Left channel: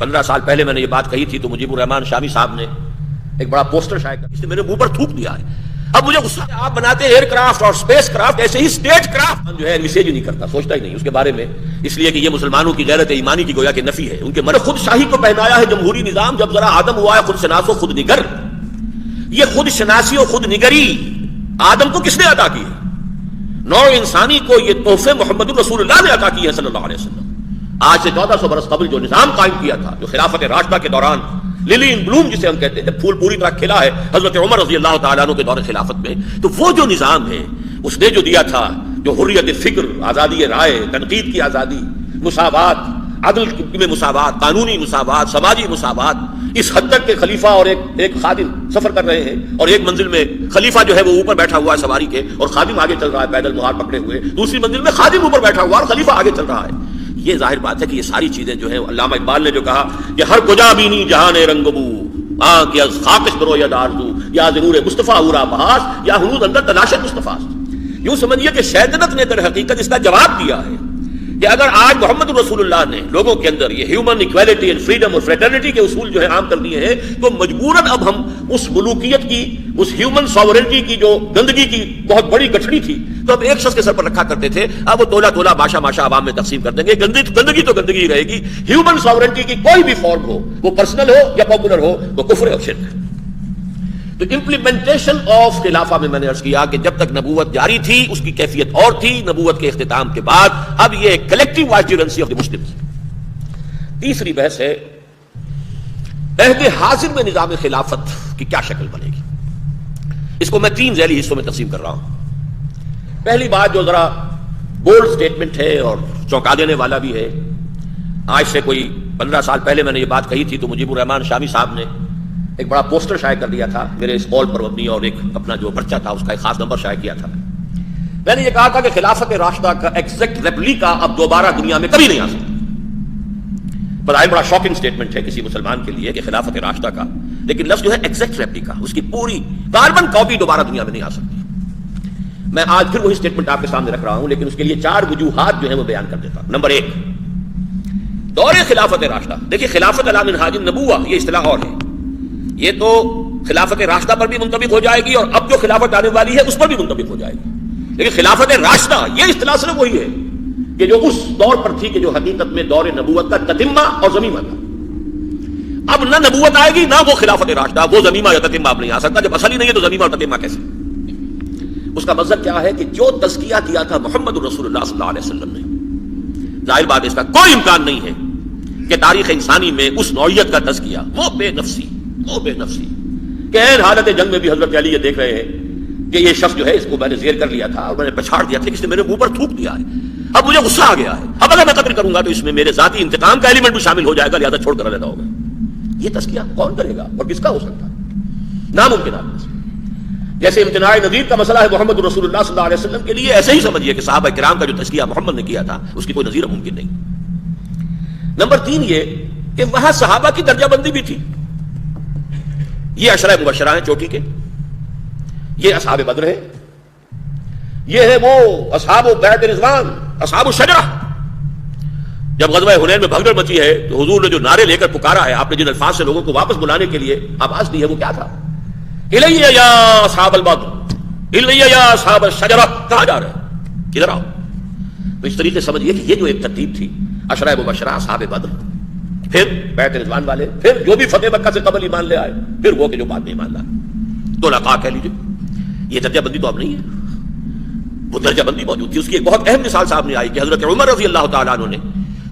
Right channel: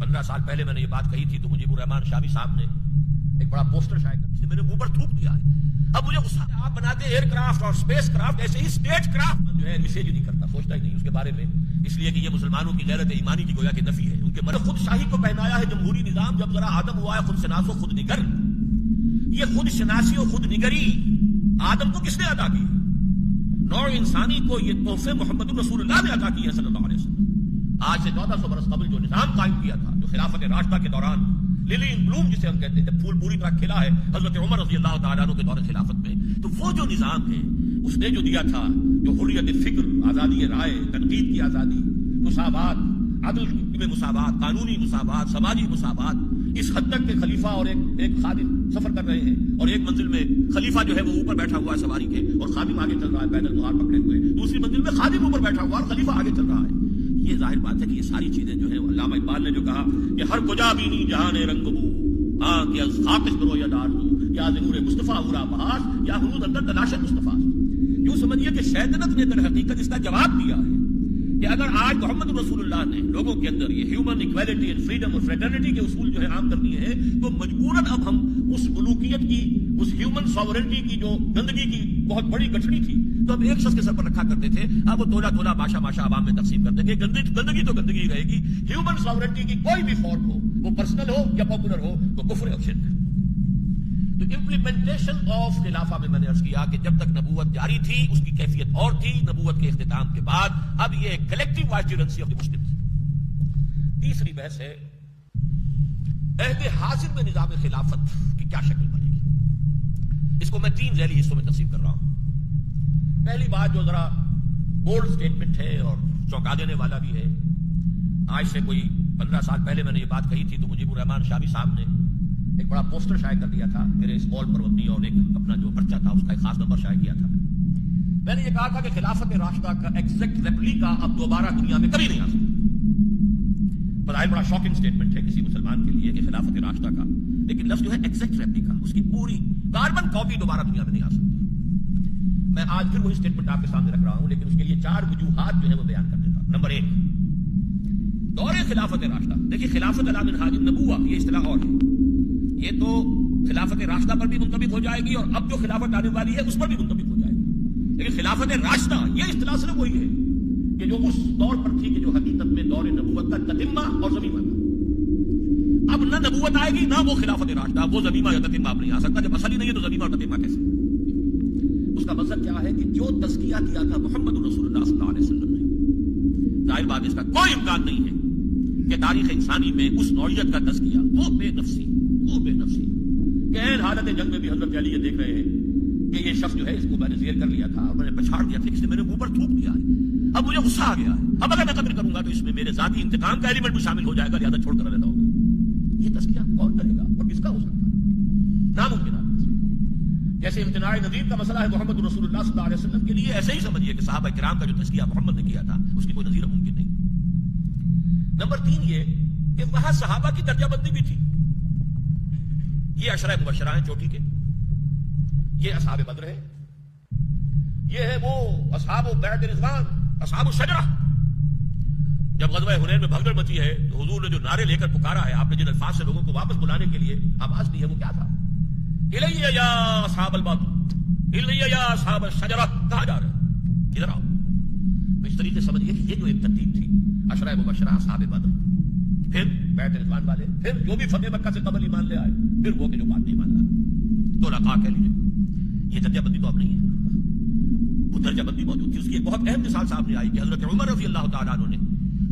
15 سال پہلے میں نے یہ بات کہی تھی تو مجیب الرحمان شامی صاحب نے ایک بڑا پوسٹر شائع کر اس نے میرے منہ پر تھوک دیا ہے. اب مجھے غصہ ہے، آپ بناتے ہیں ایئر کرافٹ اور اسپیس کرافٹ، ایسے ہی اسٹیٹ کرافٹ جو ہے میسیج ہی نہیں کرتا، سوچتا ہی نہیں اس کے بارے میں، اس لیے کہ یہ مسلمانوں کی غیرت ایمانی کی گویا کہ نفی ہے. ان کے من خود شاہی کو پہنایا ہے جمہوری نظام، جب ذرا آدم ہوا ہے خود شناس و خود نگر. یہ خود شناسی و خود نگری آدم کو کس نے عطا کی ہے؟ نوع انسانی کو یہ تحفے محمد رسول اللہ نے عطا کی ہے صلی اللہ علیہ وسلم. آج سے 1400 برس قبل جو نظام قائم کیا تھا، جو خلافت راشدہ کے دوران للی ان بلوم جسے ہم کہتے ہیں، پھول پوری طرح کھلا ہے حضرت عمر رضی اللہ تعالیٰ عنہ کے دور خلافت میں، تو وہ جو نظام ہے اس نے جو دیا تھا، جو حریت فکر، آزادی رائے، تنقید کی آزادی، مساوات، عدل میں مساوات، قانونی مساوات، سماجی مساوات، اس حد تک کہ خلیفہ اور ایک خادم سفر کر رہے ہیں اور ایک منزل میں خلیفہ جو ہے وہ اوپر بیٹھا ہوا ہے سواری کے اور خادم آگے چل رہا ہے پیدل مہار پکڑے ہوئے، دوسری منزل میں خادم اوپر بیٹھا ہوا اور خلیفہ آگے چل رہا ہے. یہ ظاہر بات ہے کہ یہ ساری چیزیں جو ہیں، علامہ اقبال نے جو کہا کہ ہر کجا بینی جہان رنگ بو کہ از خاکش برو یا دارزو یا ضرور مصطفیٰ اورا بحاس یا حنود اندر تلاش مصطفیٰ. یوں سمجھیے کہ شیطنت نے در حقیقت اس کا جواب دیا ہے کہ اگر آج محمد رسول اللہ نے لوگوں کے اندر یہ ہیومن ایکویلٹی اینڈ فریڈم اور فریٹرنٹی کے اصول جو ہے عام کر دیے ہیں، تو مجبوراً اب ہم اس ملوکیت کی، اس ہیومن ساورنٹی کی جو گندگی کی بہت بڑی گٹھڑی تھی تو اب ایک شخص کے سر پر رکھا کرتے تھے، اب وہ تولا تولا باشا ماشا عوام میں تقسیم کر دیں گے. گندگی تو گندگی رہے گی. ہیومن ساورنٹی کی کوئی بھی فارم ہو، وہ پرسنل ہو یا پاپولر ہو، وہ کفر اور شرک ہے. تو امپلیمنٹیشن آف خلافہ میں نے عرض کیا کہ جب تک نبوت جاری تھی اس کی کیفیت اور تھی، نبوت کے اختتام کے بعد اب یہ کلیکٹیو وائسرنسی آف دی مسلمز. تیسری بحث ہے عہد حاضر میں نظام خلافت کی کیا شکل بنے گی. اس کو میں 3 ذیلی حصوں میں تقسیم کر رہا ہوں. پہلی بات جو ذرا بولڈ سٹیٹمنٹ ہے اور چونکا دینے والا بھی ہے، آج سے کوئی 15 سال پہلے میں نے یہ بات کہی تھی تو مجیب الرحمان شامی صاحب نے ایک بڑا پوسٹر شائع کر دیا تھا میرے اس قول پر مبنی، اور ایک اپنا جو پرچہ تھا اس کا ایک خاص نمبر شائع کیا تھا. میں نے یہ کہا تھا کہ خلافت راشدہ کا ایگزیکٹ ریپلیکا اب دوبارہ دنیا میں کبھی نہیں آ سکتا. بظاہر بڑا شاکنگ سٹیٹمنٹ ہے کسی مسلمان کے لیے کہ خلافت راشدہ کا، لیکن لفظ جو ہے ایگزیکٹ ریپلیکا، اس کی پوری کاربن کاپی دوبارہ دنیا میں نہیں آ سکتی. میں آج پھر وہی سٹیٹمنٹ آپ کے سامنے رکھ رہا ہوں، لیکن اس کے لیے 4 وجوہات جو ہیں وہ بیان کر دیتا ہوں. نمبر 1، دور خلافت راشدہ. دیکھیے خلافت علی منہاج النبوہ یہ اصطلاح اور ہے، یہ تو خلافت راشدہ پر بھی منطبق ہو جائے گی اور اب جو خلافت آنے والی ہے اس پر بھی منطبق ہو جائے گی. لیکن خلافت راشدہ یہ اصطلاح صرف وہی ہے کہ جو اس دور پر تھی کہ جو حقیقت میں دور نبوت کا تتمہ اور زمیمہ تھا. اب نہ نبوت آئے گی نہ وہ خلافت راشدہ، وہ زمیمہ یا تتمہ اب نہیں آ سکتا. جب اصل ہی نہیں ہے تو زمیمہ اور تتمہ کیسے؟ اس کا مطلب کیا ہے کہ جو تزکیہ کیا تھا محمد رسول اللہ صلی اللہ علیہ وسلم نے، ظاہر بات اس کا کوئی امکان نہیں ہے کہ تاریخ انسانی میں اس نوعیت کا تزکیہ، وہ بے نفسی کہ این حالت جنگ میں بھی حضرت علی یہ دیکھ رہے ہیں کہ یہ شخص جو ہے اس کو میں نے زیر کر لیا تھا اور میں نے پچھاڑ دیا تھا، کس نے میرے منہ پر تھوک دیا ہے، اب مجھے غصہ آ گیا ہے، اب اگر میں قتل کروں گا تو اس میں میرے ذاتی انتقام کا ایلیمنٹ بھی شامل ہو جائے گا، لہذا چھوڑ کر رہنا ہوگا. یہ تزکیہ کون کرے گا اور کس کا ہو سکتا ہے؟ ناممکن ہے. جیسے امتناع نظیر کا مسئلہ ہے محمد رسول اللہ صلی اللہ علیہ وسلم کے لیے، ایسے ہی سمجھیے کہ صحابہ کرام کا جو تزکیہ محمد نے کیا تھا اس کی کوئی نظیر ممکن نہیں. نمبر 3 یہ کہ وہاں صحابہ کی درجہ بندی بھی تھی. یہ عشرہ مبشرہ ہیں چوٹی کے، یہ اصحاب بدر ہیں، یہ ہے وہ اصحاب بیعت رضوان، اصحاب الشجرہ. جب غزوہ حنین میں بھگدڑ مچی ہے تو حضور نے جو نعرے لے کر پکارا ہے، آپ نے جن الفاظ سے لوگوں کو واپس بلانے کے لیے آواز دی ہے وہ کیا تھا؟ الیہ یا اصحاب البدر، الیہ یا اصحاب الشجرہ. کہاں جا رہے ہیں؟ ادھر آؤ. تو اس طریقے سمجھیے کہ یہ جو ایک ترتیب تھی، عشرہ مبشرہ، اصحاب بدر، پھر بیعت رضوان والے، پھر جو بھی فتح مکہ سے قبل ایمان لے آئے، پھر وہ کہ جو بعد میں ایمان لائے، تو لقاء کہہ لیجیے. یہ درجہ بندی تو اب نہیں ہے، وہ درجہ بندی موجود تھی. اس کی ایک بہت اہم مثال صاحب نے آئی کہ حضرت عمر رضی اللہ تعالیٰ عنہ نے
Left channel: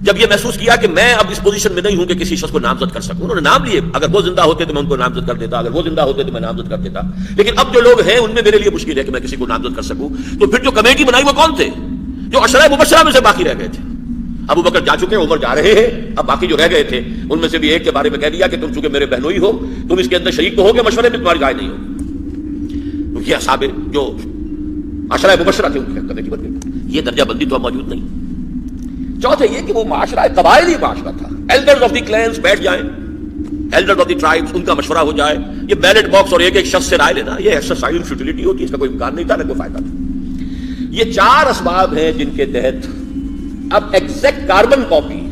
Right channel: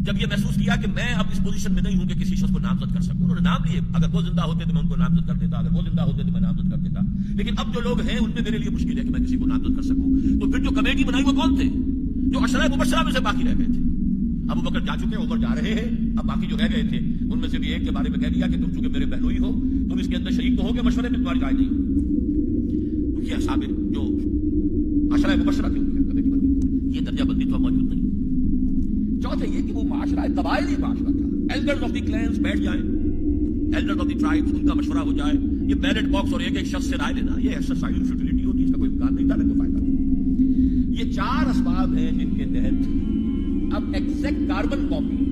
جب یہ محسوس کیا کہ میں اب اس پوزیشن میں نہیں ہوں کہ کسی شخص کو نامزد کر سکوں، انہوں نے نام لیے. اگر وہ زندہ ہوتے تو میں ان کو نامزد کر دیتا، اگر وہ زندہ ہوتے تو میں نامزد کر دیتا، لیکن اب جو لوگ ہیں ان میں میرے لیے مشکل ہے کہ میں کسی کو نامزد کر سکوں. تو پھر جو کمیٹی بنائی وہ کون تھے؟ جو عشرہ مبشرہ میں سے باقی رہ گئے تھے. ابو بکر جا چکے، عمر جا رہے ہیں، اب باقی جو رہ گئے تھے ان میں سے بھی ایک کے بارے میں کہہ دیا کہ تم چونکہ میرے بہنوئی ہو، تم اس کے اندر شریک تو ہو کہ مشورے میں تمہاری رائے نہیں ہو. تو یہ اصحاب جو عشرہ مبشرہ تھے ان کی کمیٹی بن گئی. یہ درجہ بندی تو اب موجود نہیں. چوتھے یہ کہ وہ معاشرہ قبائلی معاشرہ تھا. ایلڈرز آف دی کلینز بیٹھ جائیں، ایلڈرز آف دی ٹرائبز، ان کا مشورہ ہو جائے. یہ بیلٹ باکس اور ایک ایک شخص سے رائے لینا، یہ ایکسرسائز فیوٹیلیٹی ہوتی ہے، اس کا کوئی امکان نہیں تھا، نہ کوئی فائدہ تھا. یہ 4 اسباب ہیں جن کے تحت اب exact carbon copy,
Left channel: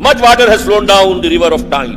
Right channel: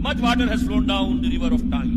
Much water has flown down the river of time,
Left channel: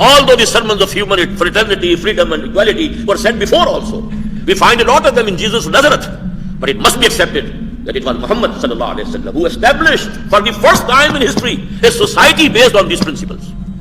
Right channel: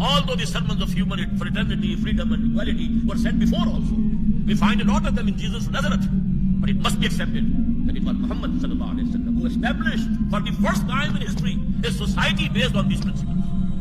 although the sermons of human fraternity, freedom and equality were said before also, we find a lot of them in Jesus of Nazareth, but it must be accepted that it was Muhammad sallallahu alaihi wasallam who established for the first time in history a society based on these principles.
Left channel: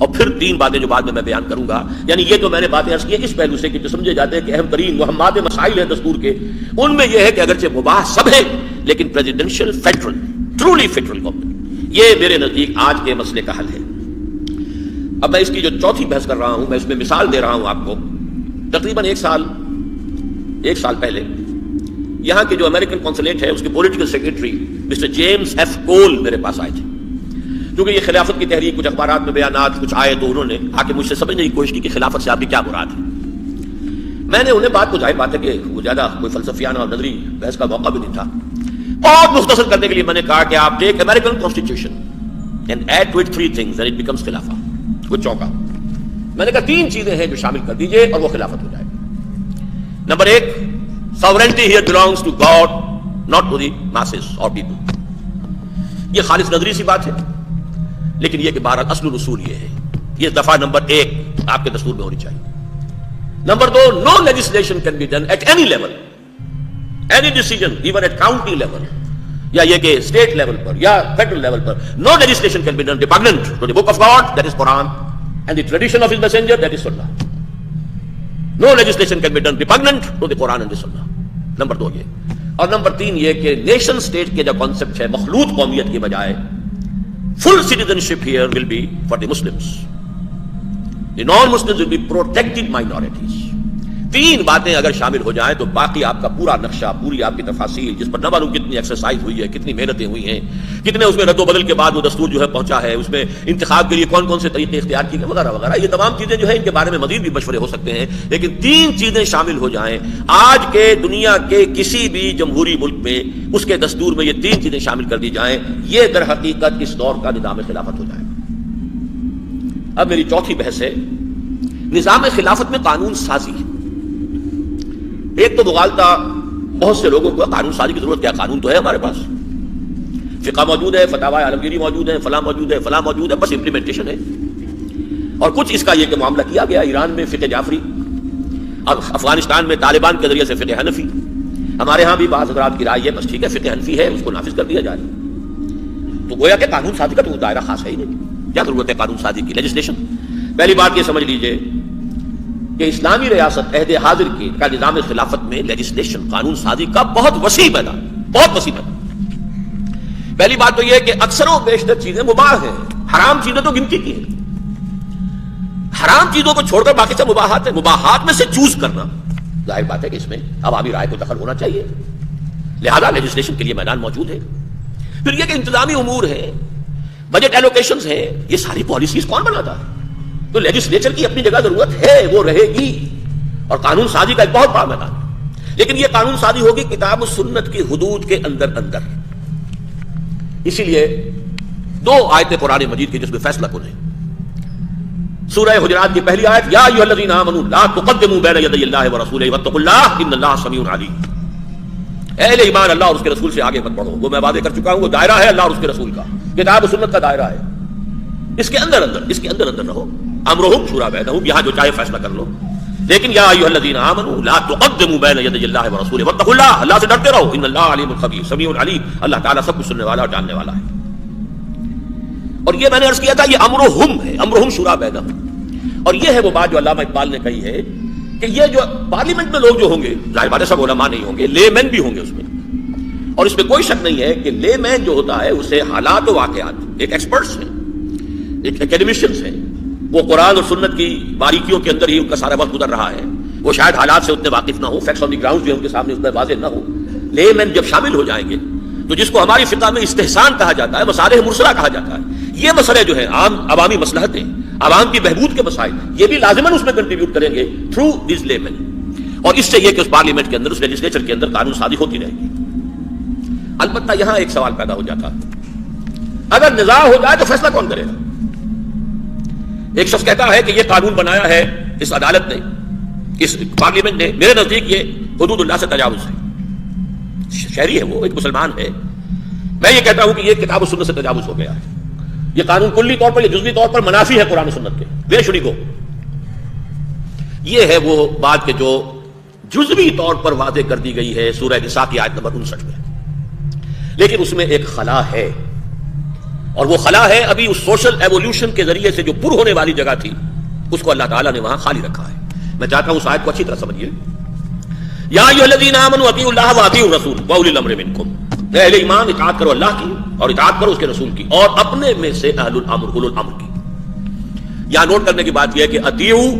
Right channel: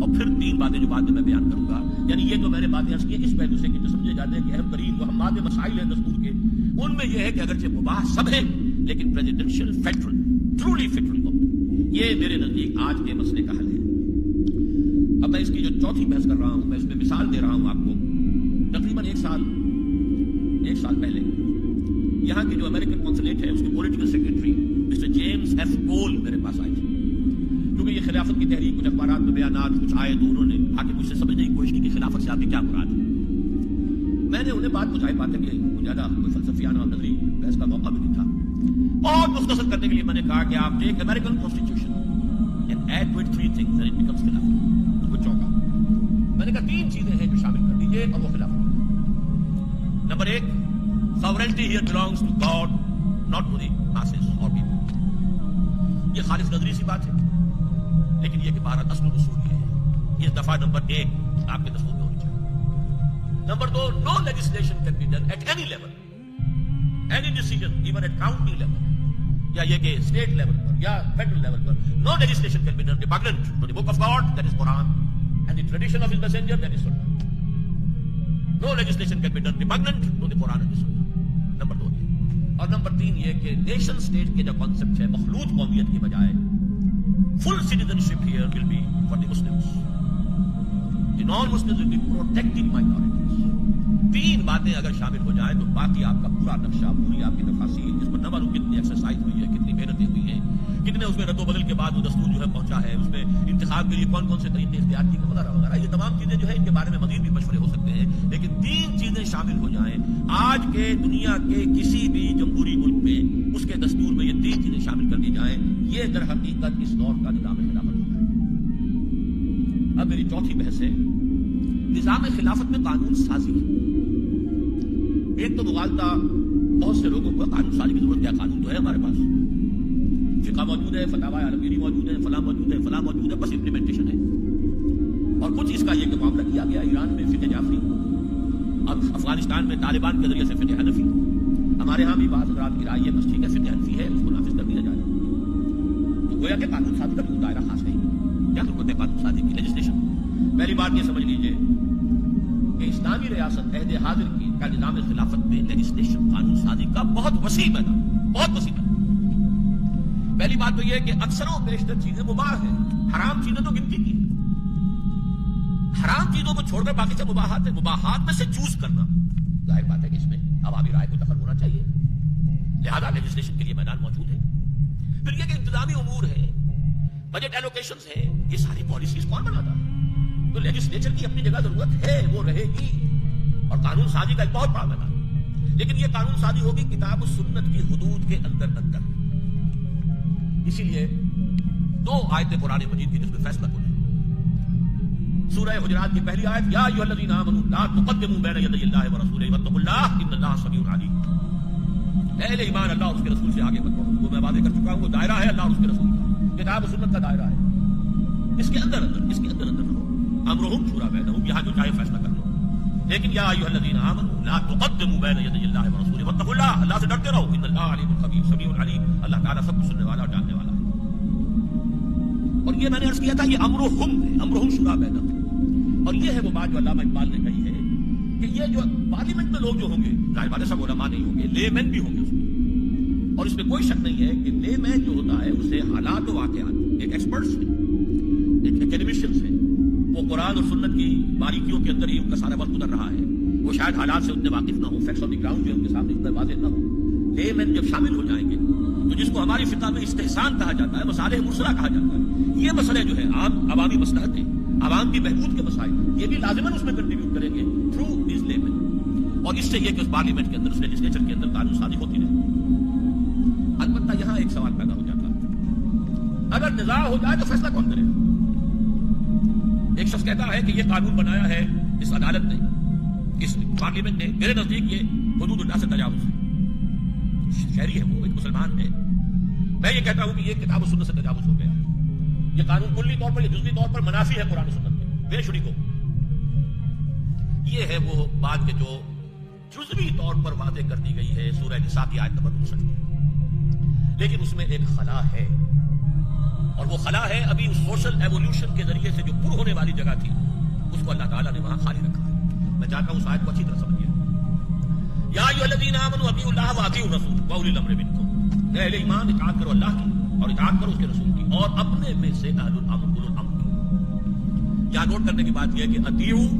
اور پھر تین باتیں جو بعد میں بیان کروں گا، یعنی یہ تو میں نے باتیں عرض کی ہیں اس پہلو سے کہ جو سمجھے جاتے ہیں کہ اہم ترین مہمات مسائل ہیں دستور کے، ان میں یہ ہے کہ اگرچہ مباح سب ہے لیکن presidential federal, truly federal government, یہ میرے نزدیک آج کے مسئلے کا حل ہے۔ اب میں اس کی جو چوتھی بحث کر رہا ہوں، میں اس میں مثال دے رہا ہوں آپ کو۔ تقریباً ایک سال پہلے یہاں کے جو امریکن کونسلیٹ ہے اس کے political secretary mister James F Cole میرے پاس آئے تھے، کیونکہ یہ خلافت کی تحریک، کچھ اخبارات میں بیانات کچھ آئے تو انہوں نے آ کے مجھ سے سمجھنے کی کوشش کی کہ خلافت سے آپ کی کیا مراد ہے۔ میں نے انہیں بات کو ظاہر بات ہے کہ وہ زیادہ کوئی فلسفیانہ اور نظری بحث کا موقع بھی نہیں تھا، بہت مختصر کرنے کے لیے میں نے کہا کہ آپ take American constitution and add to it 3 things and it becomes خلافہ۔ وہ چونکا، میں نے کہا 3 چیزیں ہیں جو شامل کر دیجئے اور وہ خلافت ہو جائے۔ Number 1، sovereignty here belongs to God, not to the masses or people۔ یہ خالص نظری سی بات ہے، لیکن یہ کہ بہرحال اصل اصول یہ ہے، یہ دفعہ نمبر 1 آپ کے دستور میں ہونی چاہیے۔ Number 2، no legislation can be done at any level, any decision even at county level یا یہ کہ state level پر یا federal level per, no legislation can be done repugnant to the book of God, that is Quran, and the tradition of his messenger, that is Sunnah۔ No legislation can be done repugnant to the Quran and the Sunnah۔ Number 2 یہ، اور number 3 یہ کہ nation state کے جو concept ہے مخلوط قومیت کی بجائے full citizenship here will be for the Muslims. The non-Muslims will be protected minorities۔ 3 باتیں اگر شامل ہو جائیں تو باقی آپ کا پورا نقشہ، پوری آپ کی تفاصیل، جس پر نہ معلوم کتنی ایکسرسائز ہوئی ہے، کتنی محنتیں ہوئی ہیں، کتنے اس میں رد و بدل کے بعد وہ دستور جو ہے پہنچا ہے، اس میں انتخاب کے لیے کون کون سے طریقے اختیار کیے گئے وغیرہ وغیرہ، یہ تمام چیزیں جو ہے ان کے بارے میں مزید بھی مشورے ہو سکتے ہیں، لیکن 3 چیزیں شامل ہو جائیں آج کے دنیا کے کسی بھی جمہوری ملک میں، اس کے دستور میں یہ 3 چیزیں شامل کر دی جائیں، یہ در حقیقت اس دور کا نظام خلافت ہو جائے۔ اب میری چوتھی بحث ہے نظام خلافت میں قانون سازی۔ ایک تو مغالطہ بہت سے لوگوں کو قانون سازی کی ضرورت کیا، قانون تو ہے ہمارے پاس، فقہ موجود ہے، فتاوی عالمگیری موجود ہے، فلاں موجود ہے، فلاں موجود ہے، بس امپلیمنٹیشن ہے۔ اور کچھ اس کا یہ کہ معاملہ کیا گیا ایران میں فقہ جعفری، اب افغانستان میں طالبان کے ذریعے سے فقہ حنفی، ہمارے ہاں بھی بعض حضرات کی رائے ہے بس ٹھیک ہے فقہ حنفی ہے اس کو نافذ کر دیا جائے۔ تو گویا کہ قانون سازی کا تو دائرہ خاص ہے ہی نہیں، کیا ضرورت ہے قانون سازی کی، لیجسلیشن۔ پہلی بات یہ سمجھ لیجئے کہ اسلامی ریاست عہد حاضر کا نظام خلافت میں لیجسلیشن، قانون سازی کا بہت وسیع میدان، بہت وسیع میدان۔ پہلی بات تو یہ کہ اکثر و بیشتر چیزیں مباح ہیں، حرام چیزیں تو گنتی کی ہیں، حرام چیزوں کو چھوڑ کر باقی سب مباحات ہیں۔ مباحات میں سے چوز کرنا، ظاہر بات ہے کہ اس میں عوامی رائے کو دخل ہونا چاہیے، لہذا لیجسلیشن کے لیے میدان موجود ہے۔ پھر یہ کہ انتظامی امور ہیں، بجٹ ایلوکیشنز ہیں، یہ ساری پالیسیز کون بناتا ہے؟ تو لیجسلیچر کی اپنی جگہ ضرورت ہے، وہ رہے گی، اور قانون سازی کا ایک بہت بڑا میدان ہے، لیکن یہ قانون سازی ہوگی کتاب و سنت کی حدود کے اندر اندر۔ اسی لیے 2 آیتیں قرآن مجید کی جس میں فیصلہ کن ہے۔ سورہ حجرات کی پہلی آیت، یا ایھا الذین آمنوا لا تقدموا بین یدی اللہ ورسولہ واتقوا اللہ ان اللہ سمیع علیم۔ اہل ایمان اللہ اور اس کے رسول سے آگے مت بڑھو، وہ میں واضح کر چکا ہوں، وہ دائرہ ہے اللہ اور اس کے رسول کا، کتاب و سنت کا دائرہ ہے، اس کے اندر اندر رہو۔ امرہم شورا بینہم، یہاں جو چاہے فیصلہ کر لو، لیکن یا ایھا الذین آمنوا لا تقدموا بین یدی اللہ ورسولہ واتقوا اللہ، اللہ سے ڈرتے رہو، ان اللہ علیم خبیر سمیع علیم، اللہ تعالیٰ سب کچھ سننے والا اور جاننے والا ہے۔ اور یہ میں نے عرض کیا تھا یہ امرہم ہے، امرہم شورا بینہم، اور یہ ہے وہ بات جو علامہ اقبال نے کہی ہے کہ یہ جو پارلیمنٹ میں لوگ جو ہوں گے، ظاہر بات ہے سب علماء نہیں ہوں گے، لے مین بھی ہوں گے اس میں، اور اس میں کوئی شک نہیں ہے کہ لے مین جو ہوتا ہے اسے حالات و واقعات، ایک ایکسپرٹس ہیں، ایک اکیڈمیشنز ہیں، وہ قرآن اور سنت کی باریکیوں کے اندر ہی ان کا سارا وقت گزر رہا ہے، وہ شاید حالات سے اتنے واقف نہ ہو، فیکٹس آن دی گراؤنڈ جو ان کے سامنے اتنے واضح نہ ہو۔ لے مین جب شامل ہو جائیں گے تو جس کو ہماری فقہ میں استحسان کہا جاتا ہے، مصالح مرسلہ کہا جاتا ہے، یہ مسئلے جو ہیں عام عوامی مصلحتیں، عوام کی بہبود کے مسائل، یہ بھی لازماً اس میں کنٹریبیوٹ کریں گے تھرو دیز لے مین، اور اس سے یہ کہ اس پارلیمنٹ کے اندر، اس لیجسلیچر کے اندر قانون سازی ہوتی رہے گی۔ البتہ یہاں ایک سوال پیدا ہو جاتا، اگر نزاع ہو جائے تو فیصلہ کون کرے گا؟ ایک شخص کہتا ہے کہ یہ قانون بنایا ہے اس عدالت نے، اس پارلیمنٹ نے، میرے نزدیک یہ حدود اللہ سے تجاوز ہے، شہری ہے وہ، ایک مسلمان ہے، میں یہ کہتا ہوں کہ یہ کتاب و سنت سے تجاوز ہو گیا ہے، یہ قانون کلی طور پر یا جزوی طور پر منافی ہے قرآن و سنت کے، وے شری کو۔ یہ ہے وہ بات کہ جو جزوی طور پر واضح کر دی گئی ہے سورہ نساء کی آیت نمبر 59 میں، لیکن اس میں ایک خلا ہے، اور وہ خلا ہے ابھی اس سوشل ایوولوشن کے ذریعے سے جو پر ہونے والی جگہ تھی اس کو اللہ تعالیٰ نے وہاں خالی رکھا ہے. میں چاہتا ہوں اس آیت کو اچھی طرح سمجھیے. یا ایھا الذین آمنوا اطیعوا اللہ واطیعوا الرسول واولی الامر منکم. اے اہل ایمان اطاعت کرو اللہ کی اور اطاعت کرو اس کے رسول کی اور اپنے میں سے اہل الامر اولو الامر کی. یہاں نوٹ کرنے کی بات یہ ہے کہ اطیعوا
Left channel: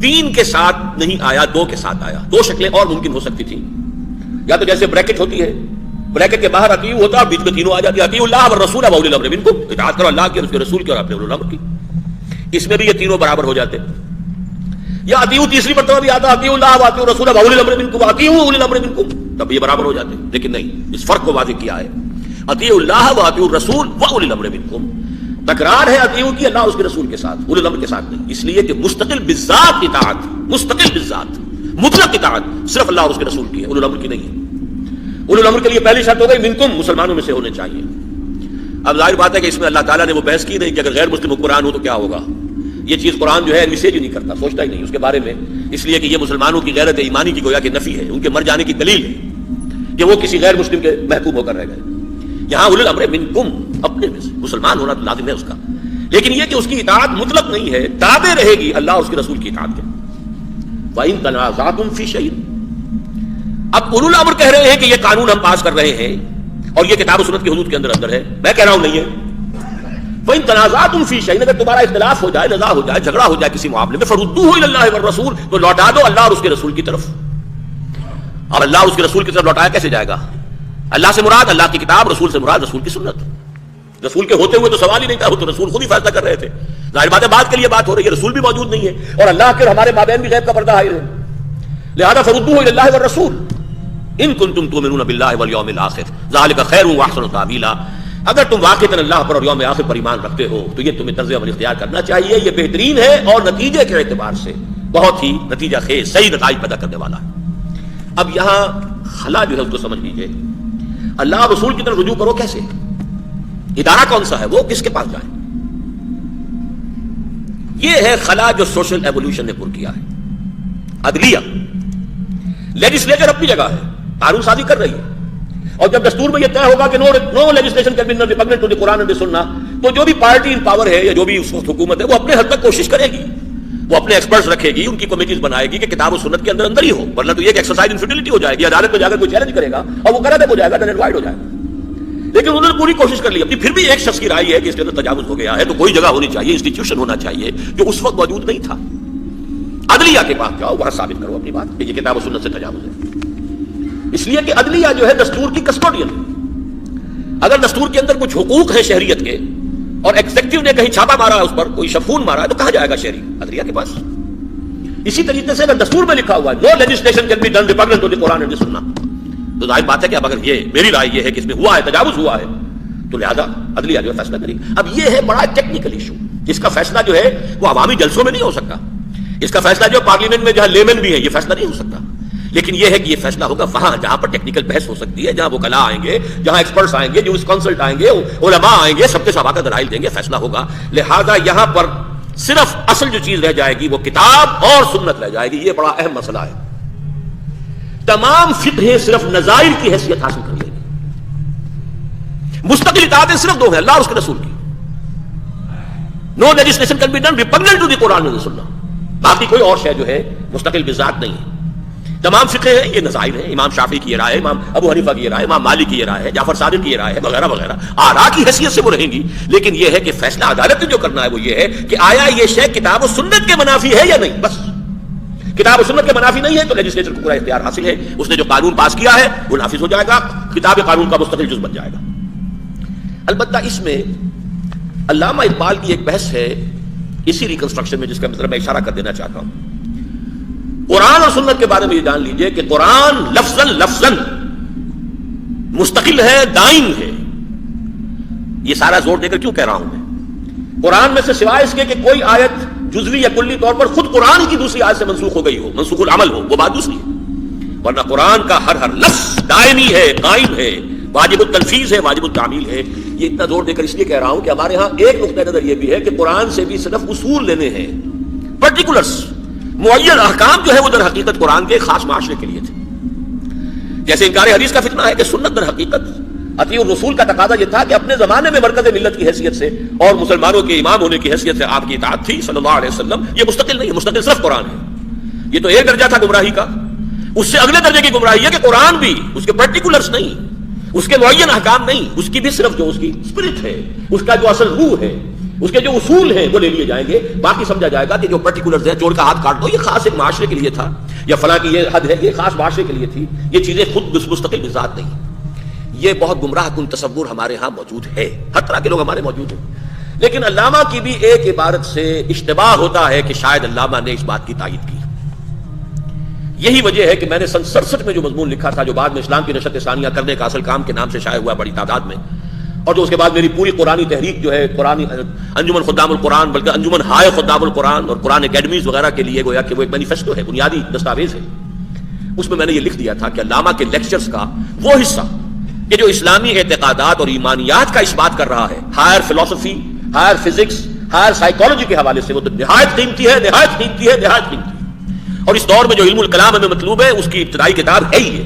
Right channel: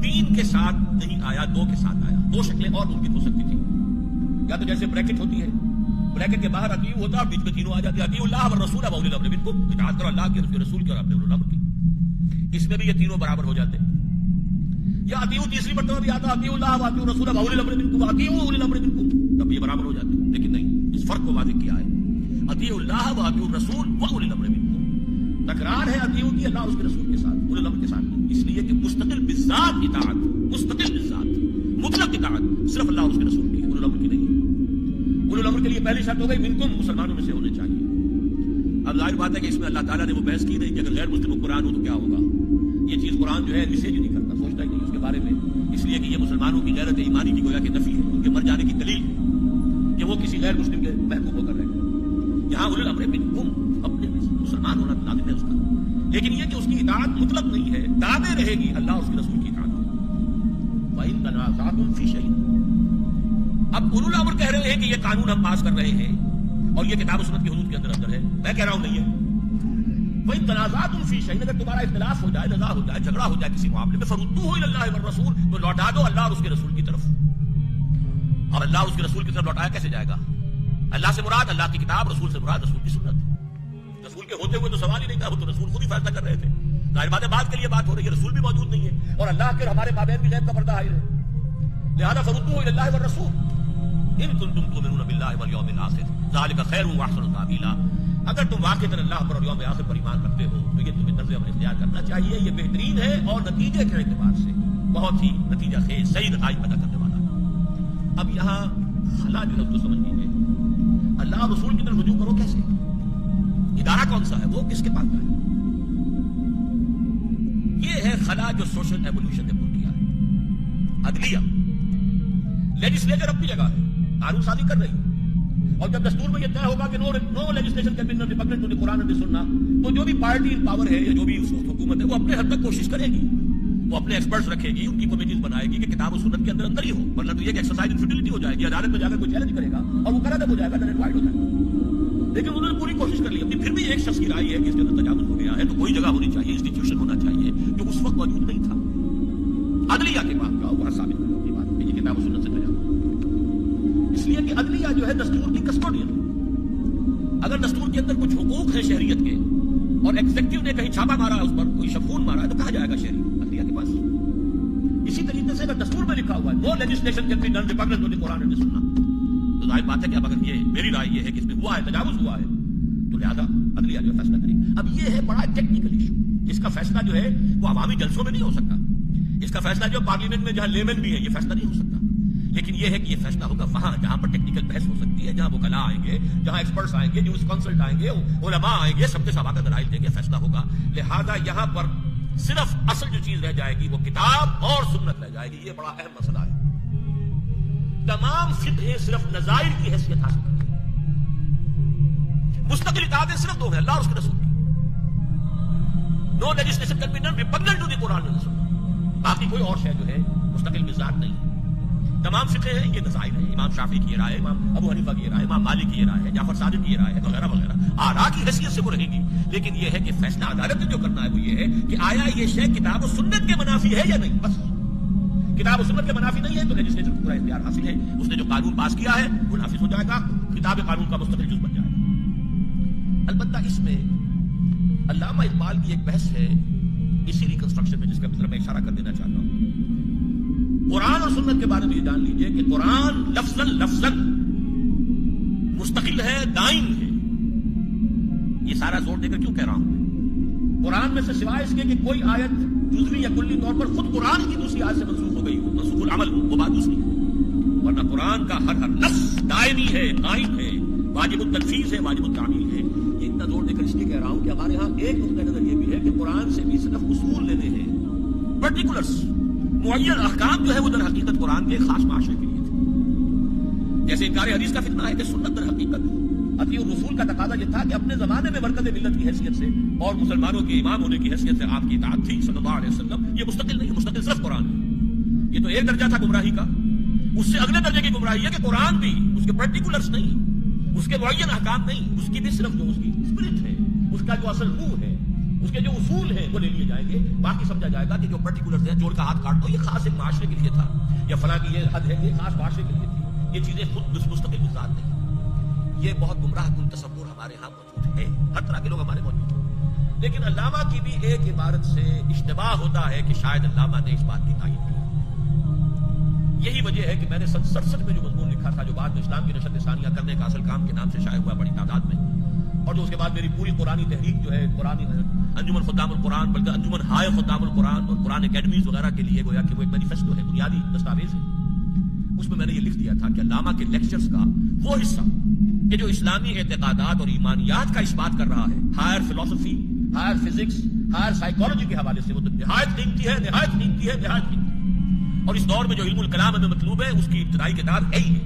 تین کے ساتھ نہیں آیا، دو کے ساتھ آیا. دو شکلیں اور ممکن ہو سکتی تھی. یا تو جیسے بریکٹ ہوتی ہے، بریکٹ کے باہر اطیعوا ہوتا ہے، بیچ میں تینوں آ جاتی ہے، اطیعوا اللہ والرسول واولی الامر منکم. اطاعت کرو اللہ کی اور اس کے رسول کی اور اپنے اولو الامر کی. اس میں بھی یہ تینوں برابر ہو جاتے. یا اطیعوا تیسری مرتبہ بھی آتا، اطیعوا اللہ واطیعوا الرسول واولی الامر منکم واطیعوا اولی الامر منکم، تب یہ برابر ہو جاتے. لیکن نہیں، اس فرق کو واضح کیا ہے. اطیعوا اللہ واطیعوا الرسول واولی الامر منکم. تکرار ہے اطیعوا کی اللہ اس کے رسول کے ساتھ، اولی الامر کے ساتھ نہیں. اس لیے کہ مستقل بالذات اطاعت، مستقل بالذات مطلق اطاعت صرف اللہ اور اس کے رسول کی ہے، اولی الامر کی نہیں ہے. اولی الامر کے لیے پہلی شرط ہو گئی منکم، مسلمانوں میں سے ہونے چاہیے. اب ظاہر بات ہے کہ اس میں اللہ تعالیٰ نے وہ بحث کی نہیں کہ اگر غیر مسلم قرآن ہو تو کیا ہوگا. یہ چیز قرآن جو ہے میسیج ہی نہیں کرتا، سوچتا ہی نہیں اس کے بارے میں، اس لیے کہ یہ مسلمانوں کی غیرت ایمانی کی گویا کہ نفی ہے، ان کے مر جانے کی دلیل ہے کہ وہ کسی غیر مسلم کے محکوم ہو کر رہ گئے. یہاں اولی الامر منکم، اپنے میں سے مسلمان ہونا تو لازم ہے اس کا، لیکن یہ کہ اس کی اطاعت مطلق نہیں ہے، تابع رہے گی اللہ اور اس کے رسول کی اطاعت کے. وَإِن تَنَازَعْتُمْ فِي شَيْءٍ. اب اولو الامر کہہ رہے ہیں کہ یہ قانون ہم پاس کر رہے ہیں اور یہ کتاب و سنت کی حدود کے اندر ہے. میں کہہ رہا ہوں نہیں ہے. وَإِن تَنَازَعْتُمْ فِي شَيْءٍ، اگر تمہارا اختلاف ہو جائے، نزاع ہو جائے، جھگڑا ہو جائے کسی معاملے میں، فَرُدُّوهُ إِلَى اللَّهِ وَالرَّسُولِ، تو لوٹا دو اللہ اور اس کے رسول کی طرف. اور اللہ اور اس کے رسول کی طرف لوٹایا کیسے جائے گا؟ اللہ سے مراد اللہ کی کتاب، رسول سے مراد رسول کی سنت. رسول کے ہوتے ہوئے تو سوال ہی نہیں تھا، وہ تو رسول خود ہی فیصلہ کر رہے تھے. ظاہر بات ہے بات کے لیے بات ہو رہی ہے، رسول بھی موجود نہیں ہے اور اللہ کے اور ہمارے مابین بھی غیب کا پردہ حائل ہے. لہذا فردوه الى الله والرسول ان کنتم تؤمنون بالله واليوم الاخر ذلك خیر واحسن تاویلا. اگر تم واقعتاً اللہ پر اور یوم آخر پر ایمان رکھتے ہو تو یہ تمہیں طرز عمل اختیار کرنا چاہیے. یہ بہترین ہے اور نتیجے کے اعتبار سے بہت ہی نتیجہ خیز صحیح نتائج پیدا کرنے والا ہے. اب یہاں خلا جو ہے اس کو سمجھ لیجیے. اللہ رسول کی طرف رجوع کرو کیسے؟ ادارہ کون سا ہے؟ وہ کس کے پاس جائے؟ یہ ہے خلا جو سوشل ایوولوشن نے پر کیا ہے. عدلیہ، لیجسلیچر اپنی جگہ ہے، قانون سازی کر رہی ہے، اور جب دستور میں یہ طے ہوگا کہ no legislation can be repugnant to the Quran and the Sunnah, تو جو بھی پارٹی ان پاور ہے یا جو بھی اس وقت حکومت ہے وہ اپنے حد تک کوشش کرے گی، وہ اپنے ایکسپرٹس رکھے گی، ان کی کمیٹیز بنائے گی کہ کتاب و سنت کے اندر اندر ہی ہو، ورنہ تو یہ کہ ایکسرسائز ان فیٹیلٹی ہو جائے گی، عدالت میں جا کر کوئی چیلنج کرے گا اور وہ غلط ہو جائے گا، ڈن اینڈ وائڈ ہو جائے گا. لیکن انہوں نے پوری کوشش کر لی اپنی. پھر بھی ایک شخص کی رائے ہے کہ اس کے اندر تجاوز ہو گیا ہے تو کوئی جگہ ہونی چاہیے، انسٹیٹیوشن ہونا چاہیے جو اس وقت موجود نہیں تھا. عدلیہ کے پاس جاؤ، وہاں ثابت کرو اپنی بات کہ یہ کتاب و سنت سے تجاوز ہے. اس لیے کہ عدلیہ جو ہے دستور کی کسٹوڈین ہے. اگر دستور کے اندر کچھ حقوق ہیں شہریت کے اور ایگزیکٹو نے کہیں چھاپا مارا ہے، اس پر کوئی شفون مارا ہے، تو کہاں جائے گا شہری؟ عدلیہ کے پاس. اسی طریقے سے اگر دستور میں لکھا ہوا ہے no legislation can be done repugnant to the Quran and the Sunnah, تو ظاہر بات ہے کہ اب اگر یہ میری رائے یہ ہے کہ اس میں ہوا ہے، تجاوز ہوا ہے، تو لہذا عدلیہ جو ہے فیصلہ کرے گی. اب یہ ہے بڑا ٹیکنیکل ایشو جس کا فیصلہ جو ہے وہ عوامی جلسوں میں نہیں ہو سکتا. اس کا فیصلہ جو پارلیمنٹ میں جہاں لیمن بھی ہے یہ فیصلہ نہیں ہو سکتا. لیکن یہ ہے کہ یہ فیصلہ ہوگا وہاں جہاں پر ٹیکنیکل بحث ہو سکتی ہے، جہاں وہ کلا آئیں گے، جہاں ایکسپرٹس آئیں گے، جو کانسلٹ آئیں گے، علماء آئیں گے، سب کے سب آ کر دلائل دیں گے، فیصلہ ہوگا. لہذا یہاں پر صرف اصل جو چیز رہ جائے گی وہ کتاب اور سنت رہ جائے گی. یہ بڑا اہم مسئلہ ہے. تمام فقہ صرف نظائر کی حیثیت حاصل کر لیں گے. مستقل اطاعتیں صرف دو ہیں، اللہ اور اس کے رسول کی. No legislation can be done repugnant to the Quran and Sunnah. باقی کوئی اور شے جو ہے مستقل بذات نہیں ہے. تمام فقہ ہیں یہ نظائر ہیں. امام شافعی کی یہ رائے ہے، امام ابو حنیفہ کی یہ رائے ہے، امام مالک کی یہ رائے ہے، جعفر صادق کی یہ رائے ہے، وغیرہ وغیرہ. آراء کی حیثیت سے وہ رہیں گی. لیکن یہ ہے کہ فیصلہ عدالت نے جو کرنا ہے وہ یہ ہے کہ آیا یہ شے کتاب و سنت کے منافی ہے یا نہیں. بس کتاب و سنت کے منافی نہیں ہے تو لیجسلیچر کو پورا اختیار حاصل ہے. اس نے جو قانون پاس کیا ہے وہ نافذ ہو جائے گا، کتاب قانون کا مستقل جز بن جائے گا. البتہ اس میں علامہ اقبال کی ایک بحث ہے اسی ریکنسٹرکشن میں، جس کا مطلب میں اشارہ کر دینا چاہتا ہوں. قرآن اور سنت کے بارے میں یہ جان لیجئے کہ قرآن لفظاً مستقل ہے، دائم ہے. یہ سارا زور دے کر کیوں کہہ رہا ہوں میں؟ قرآن میں سے سوائے اس کے کہ کوئی آیت جزوی یا کلی طور پر خود قرآن کی دوسری آیت سے منسوخ ہو گئی ہو، منسوخ العمل ہو، وہ بات دوسری ہے. ورنہ قرآن کا ہر لفظ دائمی ہے، قائم ہے، واجب التنفیذ ہے، واجب التعمیل ہے. یہ اتنا زور دے کر اس لیے کہہ رہا ہوں کہ ہمارے ہاں ایک نقطہ نظر یہ بھی ہے کہ قرآن سے بھی صرف اصول لینے ہیں، پرٹیکولرز، معین احکام جو ہے وہ در حقیقت قرآن کے خاص معاشرے کے لیے تھے. جیسے انکار حدیث کا فتنہ ہے کہ سنت در حقیقت اطیع الرسول کا تقاضا یہ تھا کہ اپنے زمانے میں مرکز ملت کی حیثیت سے اور مسلمانوں کے امام ہونے کی حیثیت سے آپ کی اطاعت تھی صلی اللہ علیہ وسلم. یہ مستقل نہیں ہے، مستقل صرف قرآن ہے. یہ تو ایک درجہ تھا گمراہی کا. اس سے اگلے درجے کی گمراہی ہے کہ قرآن بھی اس کے پرٹیکولرز نہیں، اس کے معین احکام نہیں، اس کی بھی صرف جو اس کی اسپرٹ ہے، اس کا جو اصل روح ہے، اس کے جو اصول ہیں وہ لے لیے جائیں گے. باقی سمجھا جائے گا کہ جو پرٹیکولرز ہیں، چور کا ہاتھ کاٹ دو، یہ خاص ایک معاشرے کے لیے تھا، یا فلاں کی یہ حد ہے، یہ خاص معاشرے کے لیے تھی. یہ چیزیں خود مستقل بذات نہیں. یہ بہت گمراہ کن تصور ہمارے ہاں موجود ہے، ہر طرح کے لوگ ہمارے موجود ہیں. لیکن علامہ کی بھی ایک عبارت سے اشتباہ ہوتا ہے کہ شاید علامہ نے اس بات کی تائید کی. یہی وجہ ہے کہ میں نے سن 67 میں جو مضمون لکھا تھا، جو بعد میں اسلام کی نشرت ثانیہ کرنے کا اصل کام کے نام سے شائع ہوا بڑی تعداد میں، اور جو اس کے بعد میری پوری قرآنی تحریک جو ہے قرآنی انجمن خدام القرآن، بلکہ انجمن ہائے خدام القرآن اور قرآن اکیڈمیز وغیرہ کے لیے گویا کہ وہ ایک مینیفیسٹو ہے، بنیادی دستاویز ہے. اس میں نے یہ لکھ دیا تھا کہ علامہ کے لیکچرز کا وہ حصہ کہ جو اسلامی اعتقادات اور ایمانیات کا اس بات کر رہا ہے، ہائر فلسفی، ہائر فزکس، ہائر سائیکالوجی کے حوالے سے، وہ تو نہایت قیمتی ہے، نہایت قیمتی ہے، نہایت قیمتی. اور اس دور میں جو علم الکلام ہمیں مطلوب ہے، اس کی ابتدائی کتاب ہے ہی ہے.